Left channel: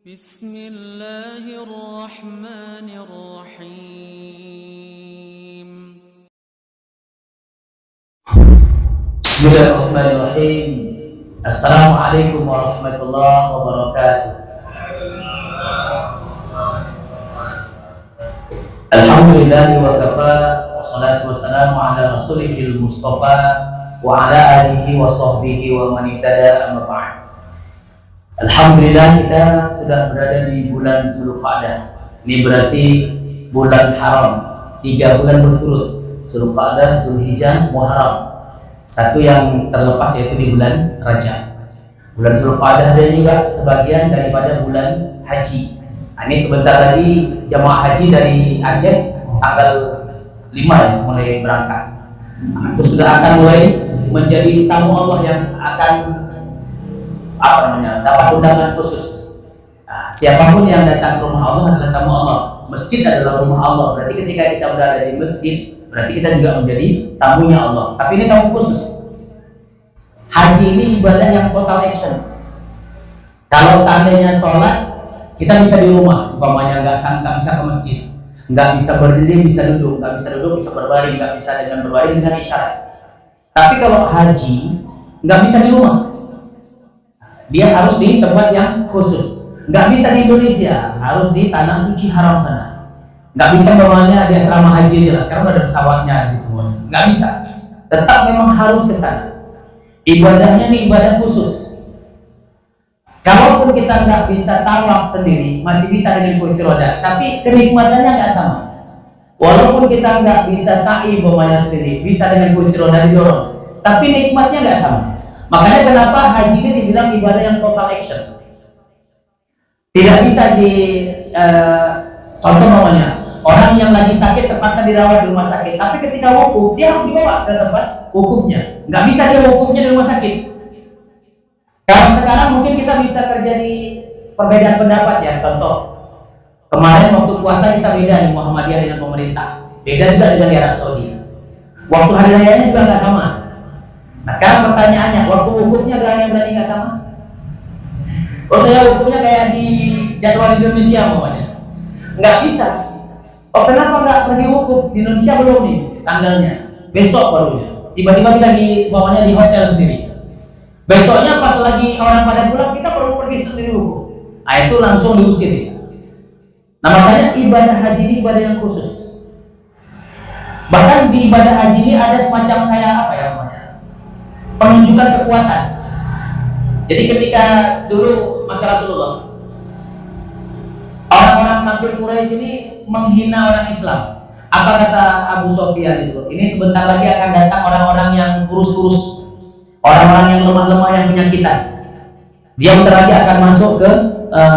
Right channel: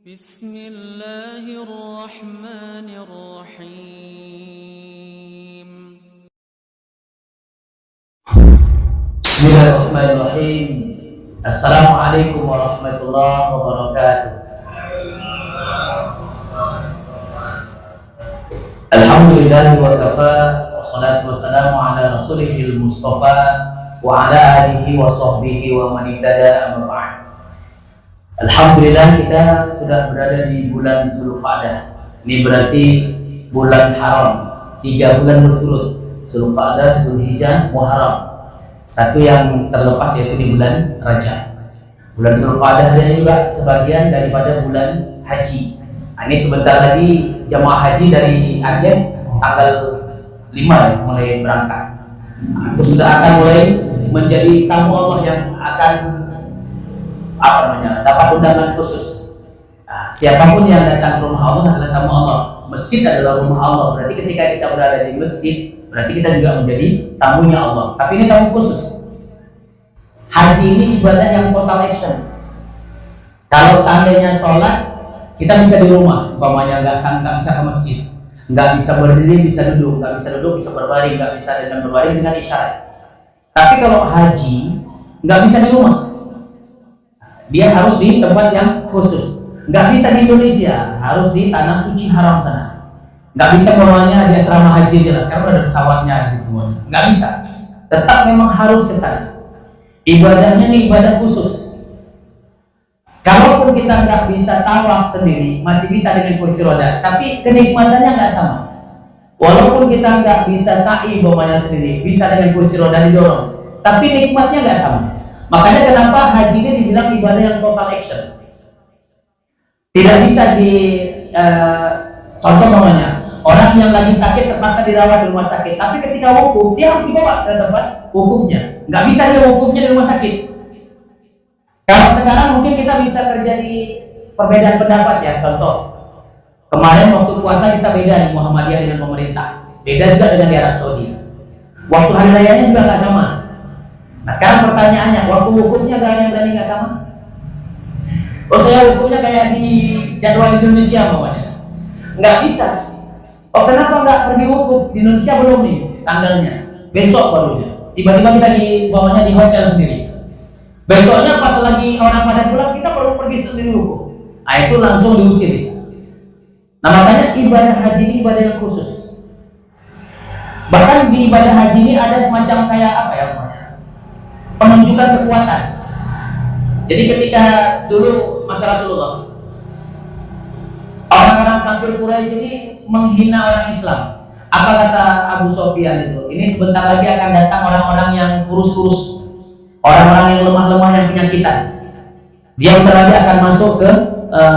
Bismillahirrahmanirrahim. Bismillahirrahmanirrahim. Assalamualaikum warahmatullahi wabarakatuh. Alhamdulillahi wa kafa, wassalatu wassalamu ala rasulihil mustafa wa ala alihi wa sahbihi wa man ihtada, amma ba'd. Alhamdulillah, kita sudah berada di bulan Zulqa'dah. Ini berarti bulan haram, 3 bulan berturut, Zulqa'dah, Zulhijjah, Muharram. Satu yang terlepas yaitu di bulan Rajab. Bulan Zulqa'dah dan juga terbagian daripada bulan haji. Ini sebentar lagi jamaah haji dari Aceh tanggal 5 ya, mulai berangkat. Itu sudah akan mulai menjadi tamu Allah yang akan dapat undangan khusus. Siapapun yang datang ke rumah Allah adalah tamu Allah. Masjid adalah rumah Allah. Berarti ketika kita berada di masjid, berarti kita juga menjadi tamunya Allah. Tapi ini tamu khusus. Haji ini ibadah yang total action. Kalau seandainya sholat, kita bisa di rumah, umpamanya nggak bisa ke masjid, nggak bisa berdiri, bisa duduk, nggak bisa duduk, bisa berbaring, nggak bisa dengan berbaring dengan isyarat. Tapi kalau haji, nggak bisa di rumah, dia harus di tempat yang khusus. Nggak bisa di Indonesia, harus di tanah suci haram sana. Nggak bisa umpamanya di asrama haji aja lah, sekarang udah ada pesawatnya di situ, nggak bisa. Tetap memang harus ke sana. Ibadahnya nih ibadah khusus. Kalaupun kita nggak bisa tawaf sendiri, masih bisa dengan kursi roda, tapi kenikmatannya nggak sama. Walaupun kita nggak bisa sa'i umpamanya sendiri, bisa dengan kursi roda didorong, tapi nikmatnya nggak sama. Makanya kenapa haji ini dibilang ibadah yang total action. Tidak bisa contoh namanya, orang yang lagi sakit terpaksa dirawat di rumah sakit, tapi ketika wukuf dia harus dibawa ke tempat wukufnya. Nggak bisa dia wukufnya di rumah sakit. Kalau sekarang mungkin kita bisa terjadi perbedaan pendapat ya. Contoh, kemarin waktu puasa kita beda nih Muhammadiyah dengan pemerintah, beda juga dengan di Arab Saudi. Waktu hari rayanya juga nggak sama. Nah sekarang pertanyaannya, waktu wukufnya ada yang berani nggak sama? Oh saya wukufnya kayak di jadwal Indonesia namanya, nggak bisa. Oh kenapa nggak pergi wukuf? Di Indonesia belum nih tanggalnya, besok barunya. Tiba-tiba kita di hotel sendiri. Besoknya pas lagi orang pada pulang, kita perlu pergi sendiri wukuf. Nah itu langsung diusir. Nah makanya ibadah haji ini ibadah yang khusus. Bahkan di ibadah haji ini ada semacam kayak apa ya namanya, penunjukan kekuatan. Jadi ketika dulu masa Rasulullah, orang-orang kafir Quraisy ini menghina orang Islam. Apa kata Abu Sofyan itu? Ini sebentar lagi akan datang orang-orang yang kurus-kurus, orang-orang yang lemah-lemah, yang penyakitan. Dia bentar lagi akan masuk ke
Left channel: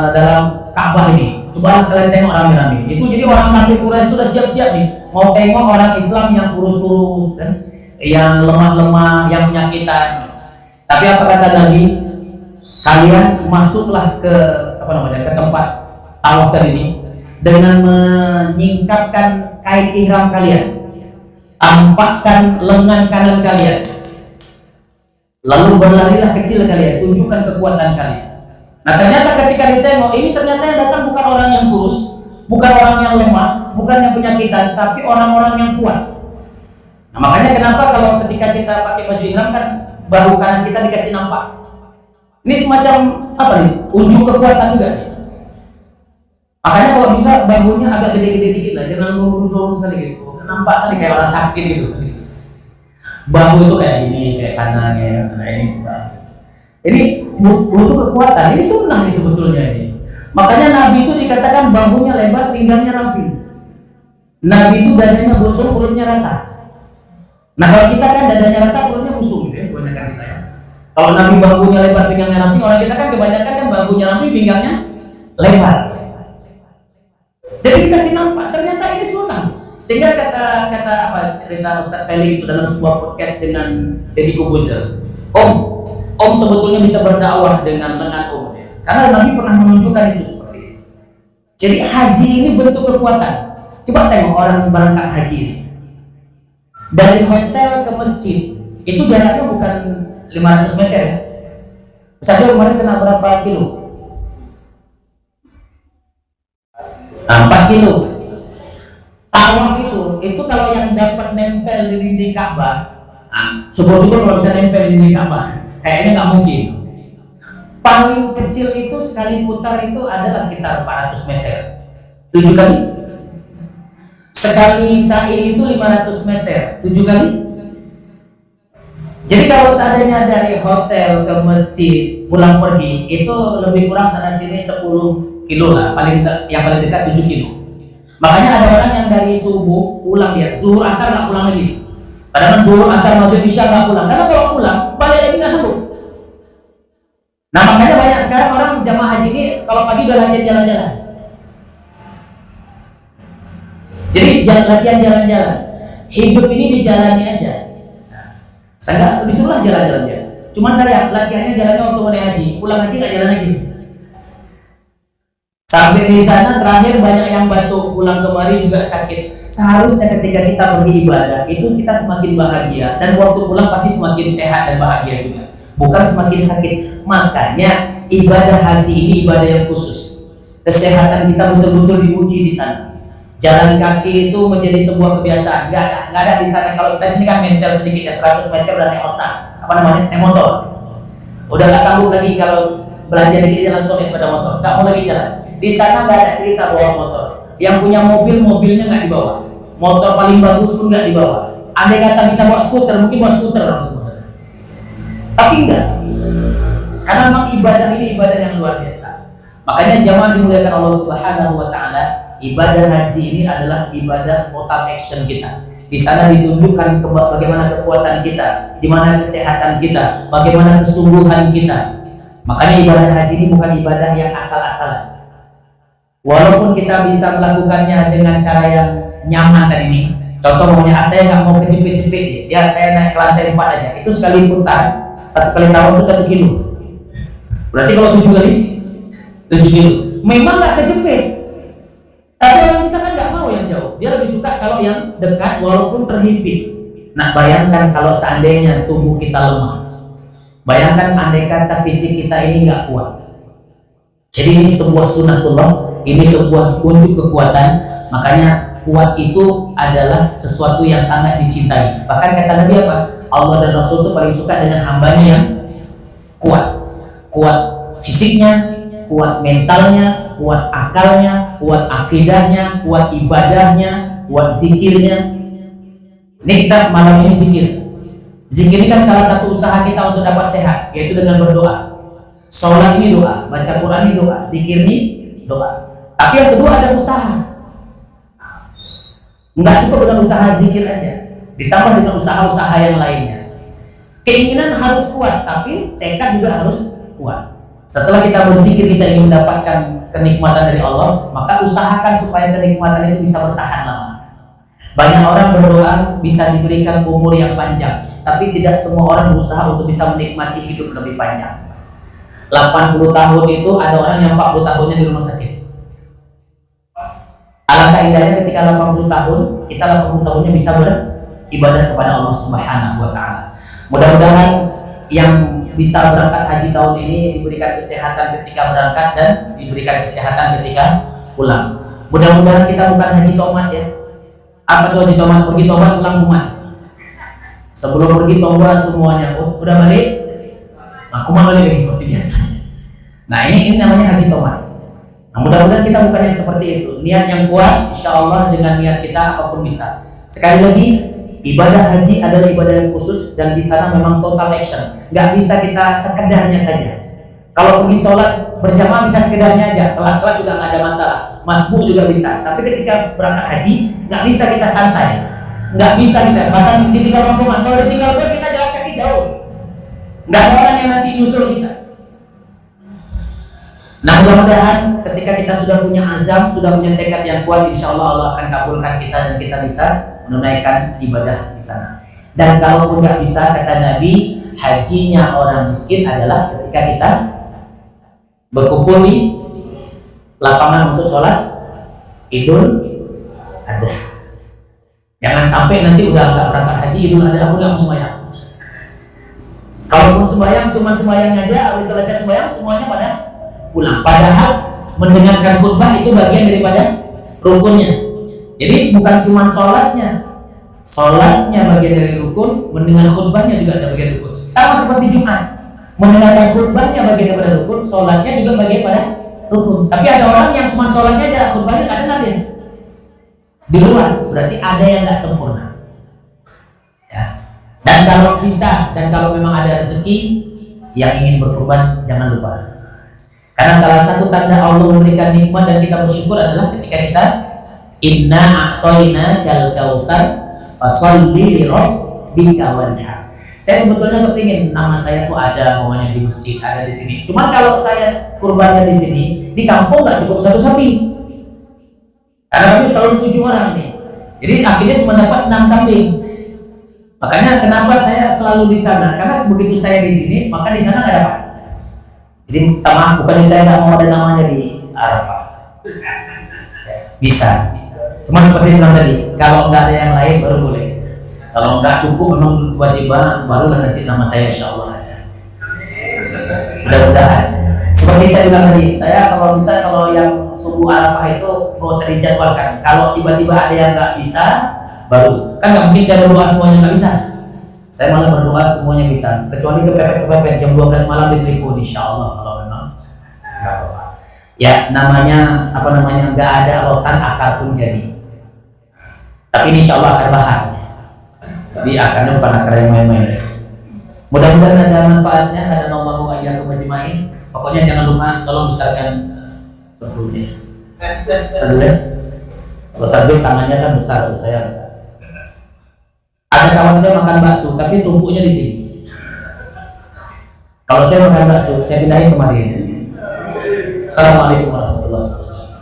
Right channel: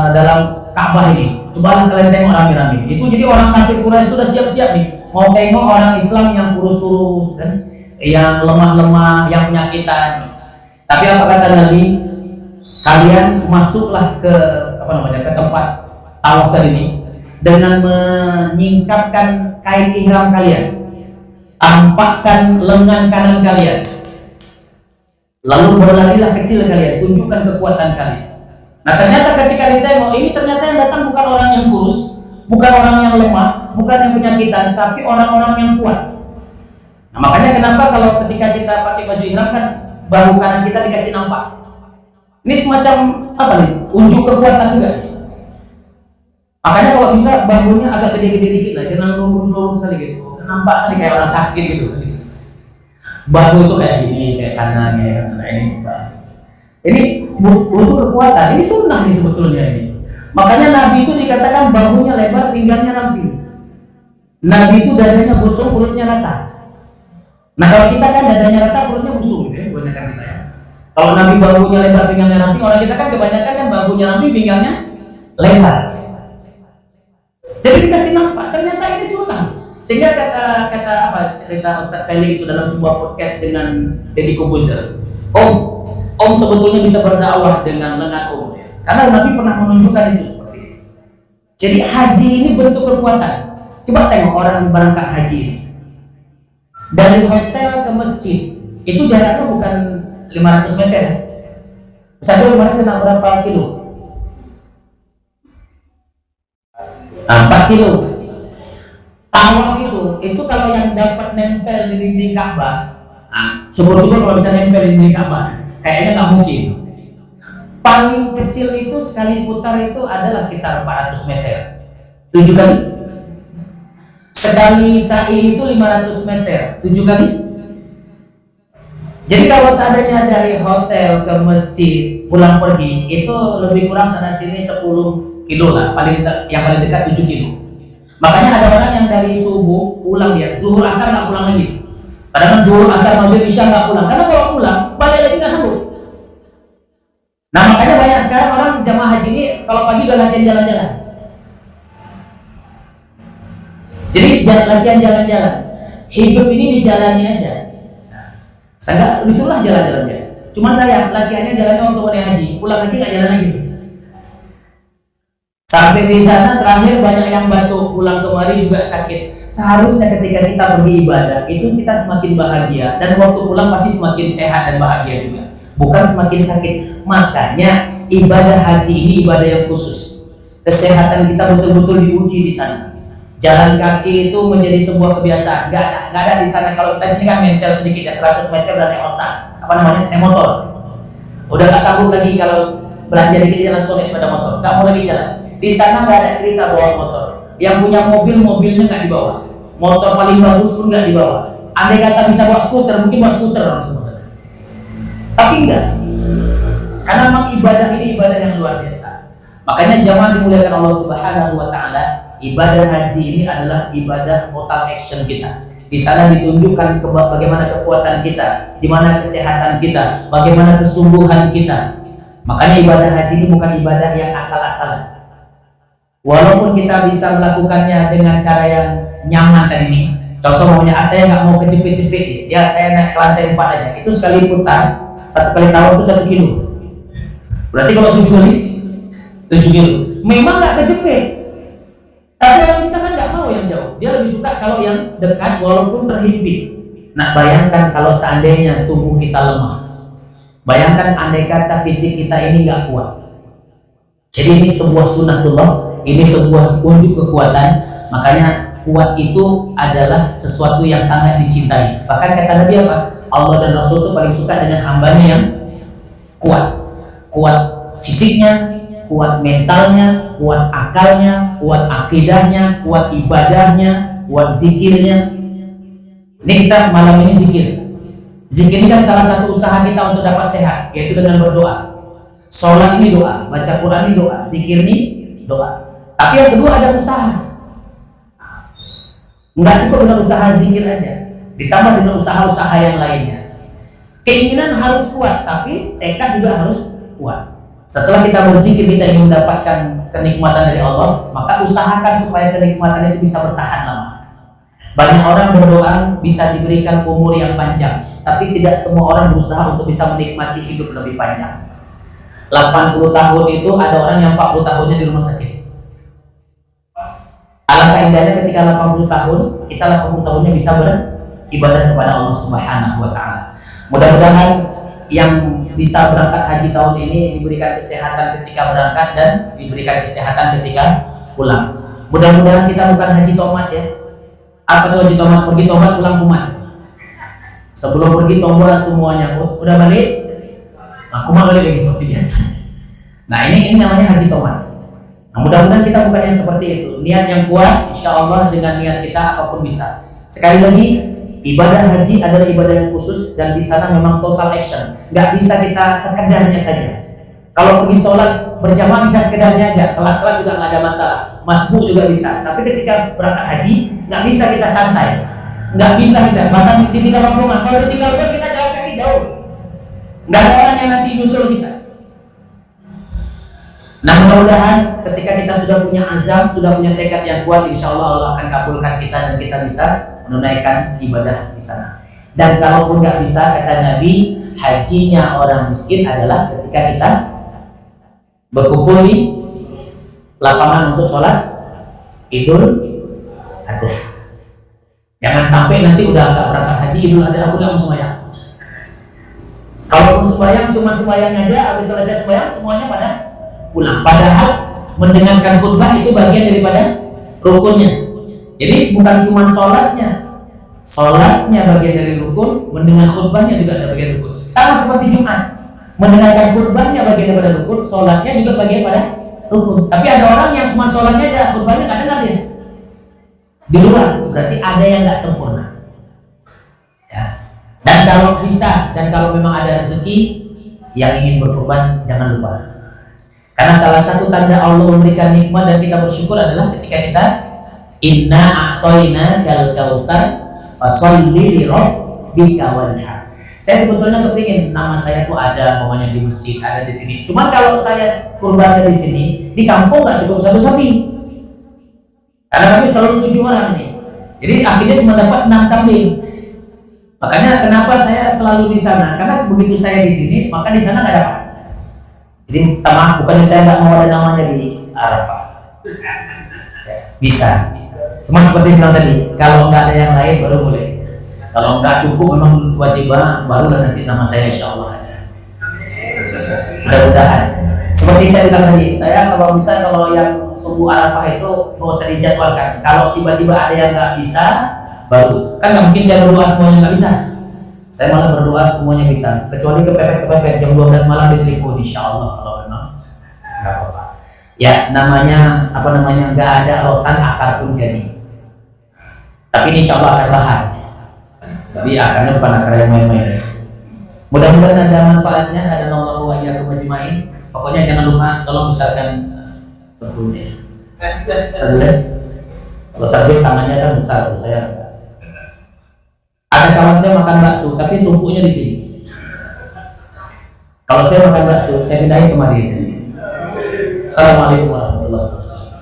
dalam Ka'bah ini. Cobalah kalian tengok rame-rame. Itu jadi orang kafir Quraisy itu udah siap-siap nih, mau tengok orang Islam yang kurus-kurus kan, yang lemah-lemah, yang penyakitan. Tapi apa kata Nabi? Kalian masuklah ke ke tempat tawaf tadi ini dengan menyingkapkan kain ihram kalian, tampakkan lengan kanan kalian. Lalu berlarilah kecil kalian, tunjukkan kekuatan kalian. Nah ternyata ketika ditengok, ini ternyata yang datang bukan orang yang kurus, bukan orang yang lemah, bukan yang penyakitan, tapi orang-orang yang kuat. Nah makanya kenapa kalau ketika kita pakai baju ihram kan bahu kanan kita dikasih nampak. Ini semacam apa nih? Unjuk kekuatan juga nih. Makanya kalau bisa bahunya agak gede-gede dikit lah, jangan lurus-lurus sekali gitu. Nampak tadi kayak orang sakit gitu. Bahu itu kayak gini, kayak kanan ya, nah ini butuh kekuatan. Ini sunnah nih sebetulnya ini. Makanya Nabi itu dikatakan bahunya lebar, pinggangnya ramping. Nabi itu dadanya botol, perutnya rata. Nah kalau kita kan dadanya rata, perutnya busung gitu ya, kebanyakan kita ya. Kalau Nabi bahunya lebar, pinggangnya ramping, orang kita kan kebanyakan kan bahunya ramping, pinggangnya lebar. Jadi dikasih nampak, ternyata ini sunnah. Sehingga kata cerita Ustadz Felix itu dalam sebuah podcast dengan Deddy Kobuzer, Om sebetulnya bisa berdakwah dengan lengan Om ya. Karena Nabi pernah menunjukkan itu seperti itu. Jadi haji ini bentuk kekuatan. Coba tengok orang berangkat haji ini. Dari hotel ke masjid itu jaraknya bukan 500 meter. Misalnya kemarin kena berapa kilo? 4 kilo. Tawaf itu kalau yang dapat nempel di dinding Ka'bah, syukur-syukur kalau bisa nempel di dinding Ka'bah. Kayaknya nggak mungkin. Paling kecil itu sekali putar itu adalah sekitar 400 meter. 7 kali. Sekali sa'i itu 500 meter. 7 kali. Jadi kalau seandainya dari hotel ke masjid pulang pergi itu lebih kurang sana sini 10 kilo lah, yang paling dekat 7 kilo. Makanya ada orang yang dari subuh pulang, dia zuhur asar nggak pulang lagi. Kadang zuhur asar maghrib isya nggak pulang, karena kalau pulang balik lagi nggak sanggup. Nah makanya banyak sekarang orang jamaah haji ini kalau pagi udah latihan jalan-jalan. Jadi latihan jalan-jalan. Hidup ini dijalani aja. Saya nggak disuruh jalan-jalan dia. Cuman saya latihannya jalannya waktu mau haji, pulang haji nggak jalan lagi. Sampai di sana terakhir banyak yang batuk, pulang kemari juga sakit. Seharusnya ketika kita pergi ibadah itu kita semakin bahagia dan waktu pulang pasti semakin sehat dan bahagia juga. Bukan semakin sakit. Makanya ibadah haji ini ibadah yang khusus. Kesehatan kita betul-betul diuji di sana. Jalan kaki itu menjadi sebuah kebiasaan. Nggak ada di sana. Kalau kita di sini kan mental sedikit ya, 100 meter dan naik otak. Apa namanya? Naik motor. Udah nggak sanggup lagi kalau belanja dikit dia langsung naik sepeda motor. Nggak mau lagi jalan. Di sana nggak ada cerita bawa motor. Yang punya mobil, mobilnya nggak dibawa. Motor paling bagus pun nggak dibawa. Andai kata bisa bawa skuter, mungkin bawa skuter langsung. Tapi enggak. Karena memang ibadah ini ibadah yang luar biasa. Makanya jamaah dimuliakan Allah Subhanahu wa taala, ibadah haji ini adalah ibadah total action kita. Di sana ditunjukkan bagaimana kekuatan kita, di mana kesehatan kita, bagaimana kesungguhan kita. Makanya ibadah haji ini bukan ibadah yang asal-asalan. Walaupun kita bisa melakukannya dengan cara yang nyaman tadi nih. Contoh namanya, saya nggak mau kejepit-jepit ya, saya naik ke lantai 4 aja. Itu sekali putar, 1 kali tawaf itu 1 kilo. Berarti kalau 7 kali 7 kilo. Memang nggak kejepit. Tapi orang kita kan nggak mau yang jauh. Dia lebih suka kalau yang dekat walaupun terhimpit. Nah, bayangkan kalau seandainya tubuh kita lemah. Bayangkan andai kata fisik kita ini nggak kuat. Jadi ini sebuah sunatullah, ini sebuah unjuk kekuatan. Makanya kuat itu adalah sesuatu yang sangat dicintai. Bahkan kata Nabi apa? Allah dan Rasul itu paling suka dengan hambanya yang kuat. Kuat fisiknya, kuat mentalnya, kuat akalnya, kuat akidahnya, kuat ibadahnya, kuat zikirnya. Ini kita malam ini zikir. Zikir ini kan salah satu usaha kita untuk dapat sehat, yaitu dengan berdoa. Sholat ini doa, baca Quran ini doa, zikir ini doa. Tapi yang kedua ada usaha. Nggak cukup dengan usaha zikir aja, ditambah dengan usaha-usaha yang lainnya. Keinginan harus kuat, tapi tekad juga harus kuat. Setelah kita berzikir, kita ingin mendapatkan kenikmatan dari Allah, maka usahakan supaya kenikmatan itu bisa bertahan lama. Banyak orang berdoa bisa diberikan umur yang panjang, tapi tidak semua orang berusaha untuk bisa menikmati hidup lebih panjang. 80 tahun itu ada orang yang 40 tahunnya di rumah sakit. Alangkah indahnya ketika 80 tahun, kita 80 tahunnya bisa beribadah kepada Allah Subhanahu wa taala. Mudah-mudahan yang bisa berangkat haji tahun ini diberikan kesehatan ketika berangkat dan diberikan kesehatan ketika pulang. Mudah-mudahan kita bukan haji tomat ya. Apa tuh haji tomat? Pergi tobat pulang kumat. Sebelum pergi tobat semuanya udah balik, nah, kumat balik lagi seperti biasa. Nah ini namanya haji tomat. Nah, mudah-mudahan kita bukan yang seperti itu. Niat yang kuat, insya Allah dengan niat kita apapun bisa. Sekali lagi, ibadah haji adalah ibadah yang khusus dan di sana memang total action. Nggak bisa kita sekedarnya saja. Kalau pergi sholat berjamaah bisa sekedarnya aja, telat-telat juga nggak ada masalah. Masbuk juga bisa. Tapi ketika berangkat haji, nggak bisa kita santai. Nggak bisa kita, bahkan ditinggal rombongan. Kalau ditinggal bos kita jalan kaki jauh. Nggak ada orang yang nanti nyusul kita. Nah mudah-mudahan ketika kita sudah punya azam, sudah punya tekad yang kuat, insya Allah Allah akan kabulkan kita dan kita bisa menunaikan ibadah di sana. Dan kalaupun nggak bisa, kata Nabi, hajinya orang miskin adalah ketika kita berkumpul di lapangan untuk sholat Idul Adha. Jangan sampai nanti udah nggak berangkat haji Idul Adha pun nggak mau sembahyang. Kalaupun sembahyang cuma sembahyang aja, habis selesai sembahyang semuanya pada pulang. Padahal mendengarkan khutbah itu bagian daripada rukunnya. Jadi bukan cuma sholatnya bagian dari rukun, mendengar khutbahnya juga ada bagian rukun. Sama seperti Jumat, mendengarkan khutbahnya bagian daripada rukun, sholatnya juga bagian pada rukun. Tapi ada orang yang cuma sholatnya aja, khutbahnya nggak dengar dia. Di luar, berarti ada yang nggak sempurna. Ya. Dan kalau bisa, dan kalau memang ada rezeki yang ingin berkorban, jangan lupa. Karena salah satu tanda Allah memberikan nikmat dan kita bersyukur adalah ketika kita inna a'toina kal kautsar fasholli li rabbika wanhar. Saya sebetulnya kepingin nama saya tuh ada namanya di masjid, ada di sini. Cuman kalau saya kurbannya di sini, di kampung nggak cukup satu sapi. Karena kami selalu 7 orang nih. Jadi akhirnya cuma dapat 6 kambing. Makanya kenapa saya selalu di sana? Karena begitu saya di sini, maka di sana nggak dapat. Jadi minta maaf, bukannya saya nggak mau ada namanya di Arafah. Bisa. Cuman seperti bilang tadi, kalau nggak ada yang lain baru boleh. Kalau nggak cukup memang wajib, barulah nanti nama saya insya Allah ada. Mudah-mudahan. Seperti saya bilang tadi, saya kalau bisa kalau yang subuh Arafah itu nggak usah dijadwalkan. Kalau tiba-tiba ada yang nggak bisa, baru. Kan nggak mungkin saya berdoa semuanya nggak bisa. Saya malah berdoa semuanya bisa, kecuali kepepet jam 12 malam di telepon, insya Allah kalau memang nggak apa-apa. Ya namanya nggak ada rotan akar pun jadi. Tapi ini insya Allah akar bahan. Tapi akarnya bukan akar yang main-main. Mudah-mudahan ada manfaatnya. Hadanallahu wa iyyakum ajmain. Pokoknya jangan lupa tolong besarkan perutnya. Sadel. Kalau sadel tangannya kan besar tuh, saya enggak. Ada kawan saya makan bakso tapi tumpuknya di sini. Kalau saya makan bakso, saya pindahin kemari aja. Assalamualaikum warahmatullahi wabarakatuh.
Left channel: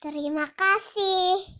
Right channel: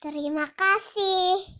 Terima kasih.